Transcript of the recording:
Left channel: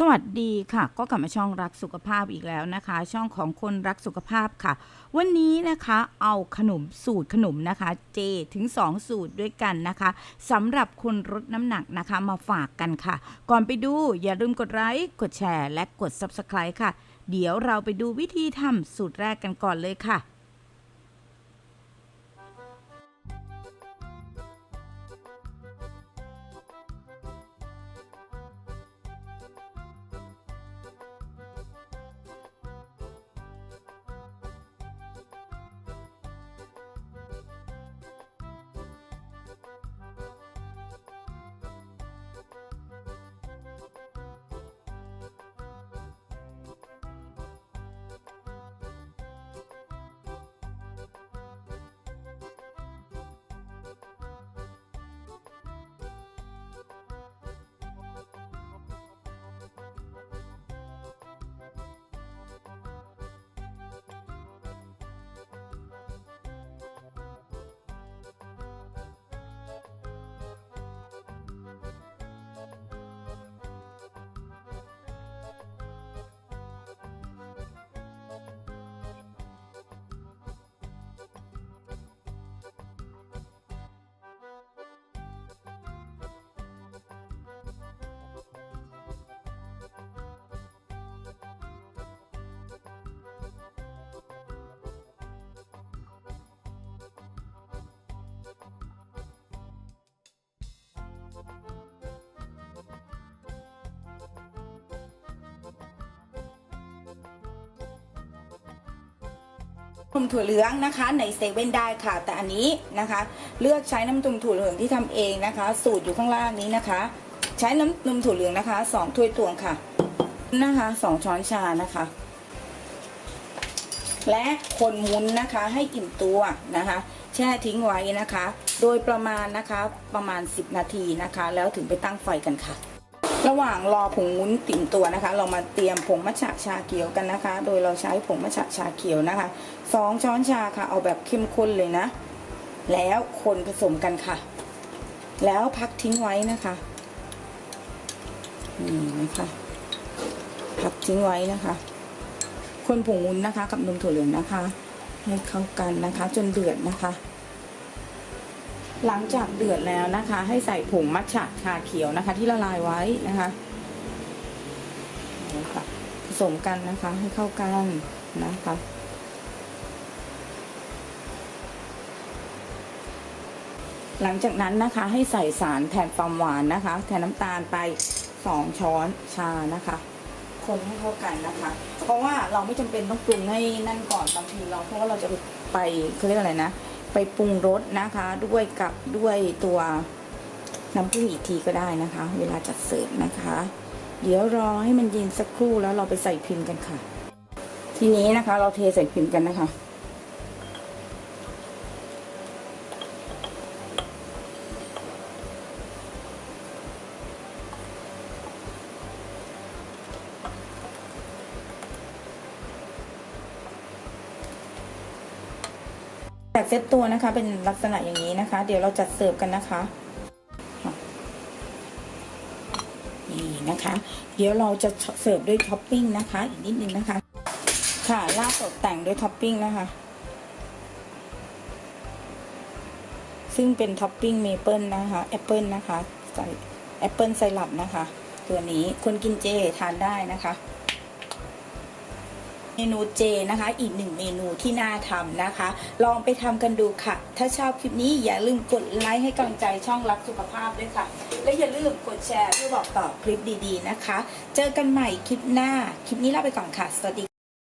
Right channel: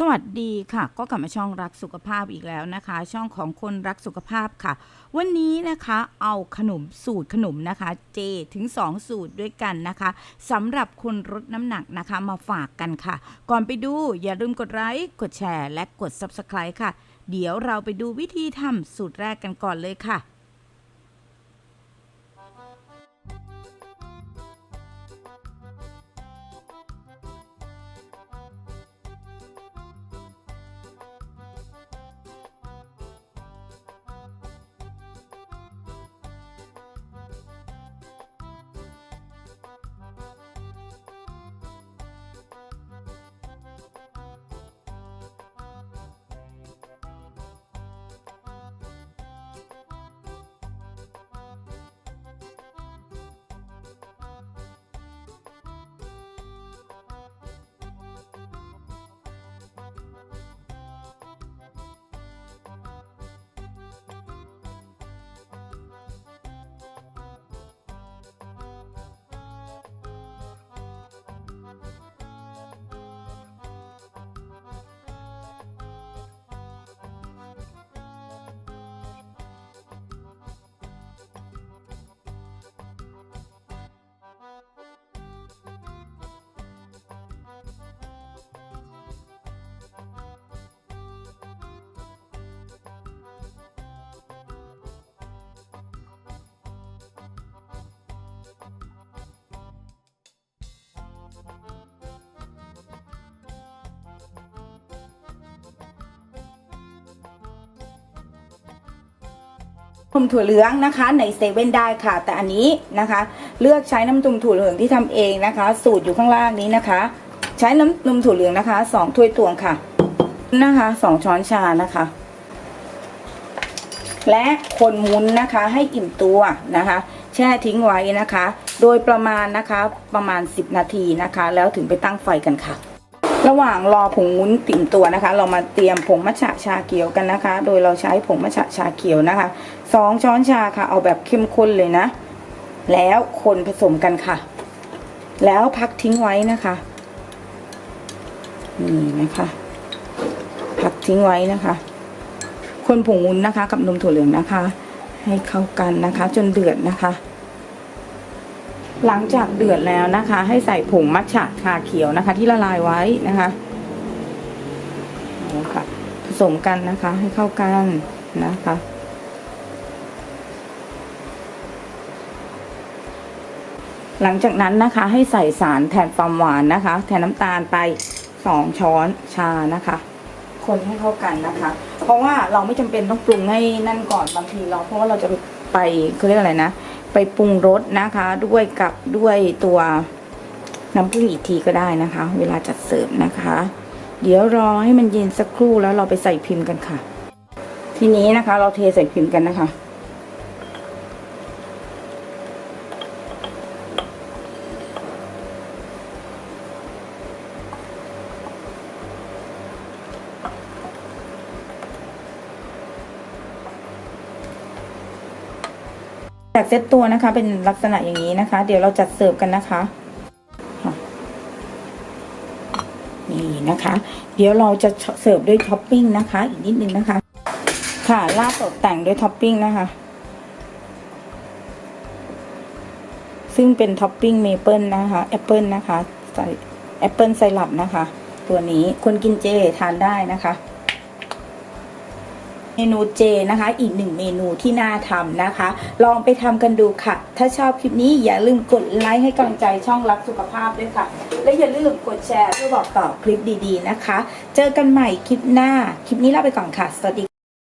สวัสดีค่ะก็กลับมาช่องรักสุขภาพอีกแล้วนะคะ ช่องของคนรักสุขภาพค่ะ วันนี้นะคะเอาสูตรขนมนะคะเจถึง2สูตรด้วยกันนะคะสำหรับคนลดน้ำหนักนะคะมาฝากกันค่ะ ก่อนไปดูอย่าลืมกดไลค์กดแชร์และกด Subscribe ค่ะเดี๋ยวเราไปดูวิธีทำสูตรแรกกันก่อนเลยค่ะนมถั่วเหลืองนะคะในเซเว่นได้ค่ะแต่อันนี้นะคะเลือกใช้น้ำนมถั่วเหลืองที่ทำเองนะคะสูตรอยู่ข้างล่างนี้นะคะใช้น้ำนมถั่วเหลืองนะคะ2 ถ้วยตวงค่ะนะคะ2 ช้อนชานะคะและคนมุนนะคะให้อิ่มตัวนะคะแช่ทิ้งไว้นะคะโดยประมาณนะคะประมาณ10 นาทีนะคะแล้วถึงไปตั้งไฟกันค่ะระหว่างรอผงวุ้นติ่มตัวนะคะเรามาเตรียมผงมัทฉะชาเขียวกันนะคะโดยเราใช้ผงมัทฉะชาเขียวนะคะ2 ช้อนชาค่ะเอาแบบเข้มข้นเลยนะแล้วคนผสมกันค่ะแล้วพักทิ้งไว้นะคะนี่นะคะพักทิ้งไว้นะคะคนผงวุ้นนะคะกับนมถั่วเหลืองนะคะให้เข้ากันนะคะจนเดือดนะคะหลังจากเดือดแล้วนะคะให้ใส่ผงมัทฉะชาเขียวนะคะที่ละลายไว้นะคะนี่ค่ะผสมกันนะคะให้เข้ากันนะคะหลังจากนั้นนะคะให้ใส่สารแทนความหวานนะคะแทนน้ำตาลไป2 ช้อนชานะคะคนให้เข้ากันนะคะเพราะว่าเราไม่จำเป็นต้องปรุงให้นั่นก่อนบางทีเราเพราะว่าเราจะไปเขาเรียกอะไรนะไปปรุงรสนะคะด้วยตัวน้ำผึ้งอีกทีก็ได้นะคะเวลาจัดเสิร์ฟนะคะเดี๋ยวรอให้มันเย็นสักครู่แล้วเราไปใส่พิมพ์กันค่ะทีนี้นะคะเราเทใส่พิมพ์กันนะคะจากเซตตัวนะคะเป็นลักษณะอย่างนี้นะคะเดี๋ยวเราจัดเสิร์ฟกันนะคะนี่นะคะเดี๋ยวเราจะเสิร์ฟด้วยท็อปปิ้งนะคะอีกนิดนึงนะคะค่ะราดตกแต่งด้วยท็อปปิ้งนะคะซึ่งเป็นท็อปปิ้งเมเปิลนะคะแอปเปิลนะคะใส่แอปเปิลไซรัปนะคะตัวนี้คนกินเจทานได้นะคะเมนูเจนะคะอีก1 เมนูที่น่าทำนะคะลองไปทำกันดูค่ะถ้าชอบคลิปนี้อย่าลืมกดไลค์ให้กำลังใจช่องรักสุขภาพด้วยค่ะและอย่าลืมกดแชร์เพื่อบอกต่อคลิปดีๆนะคะเจอกันใหม่คลิปหน้าคลิปนี้ลาไปก่อนค่ะสวัสดี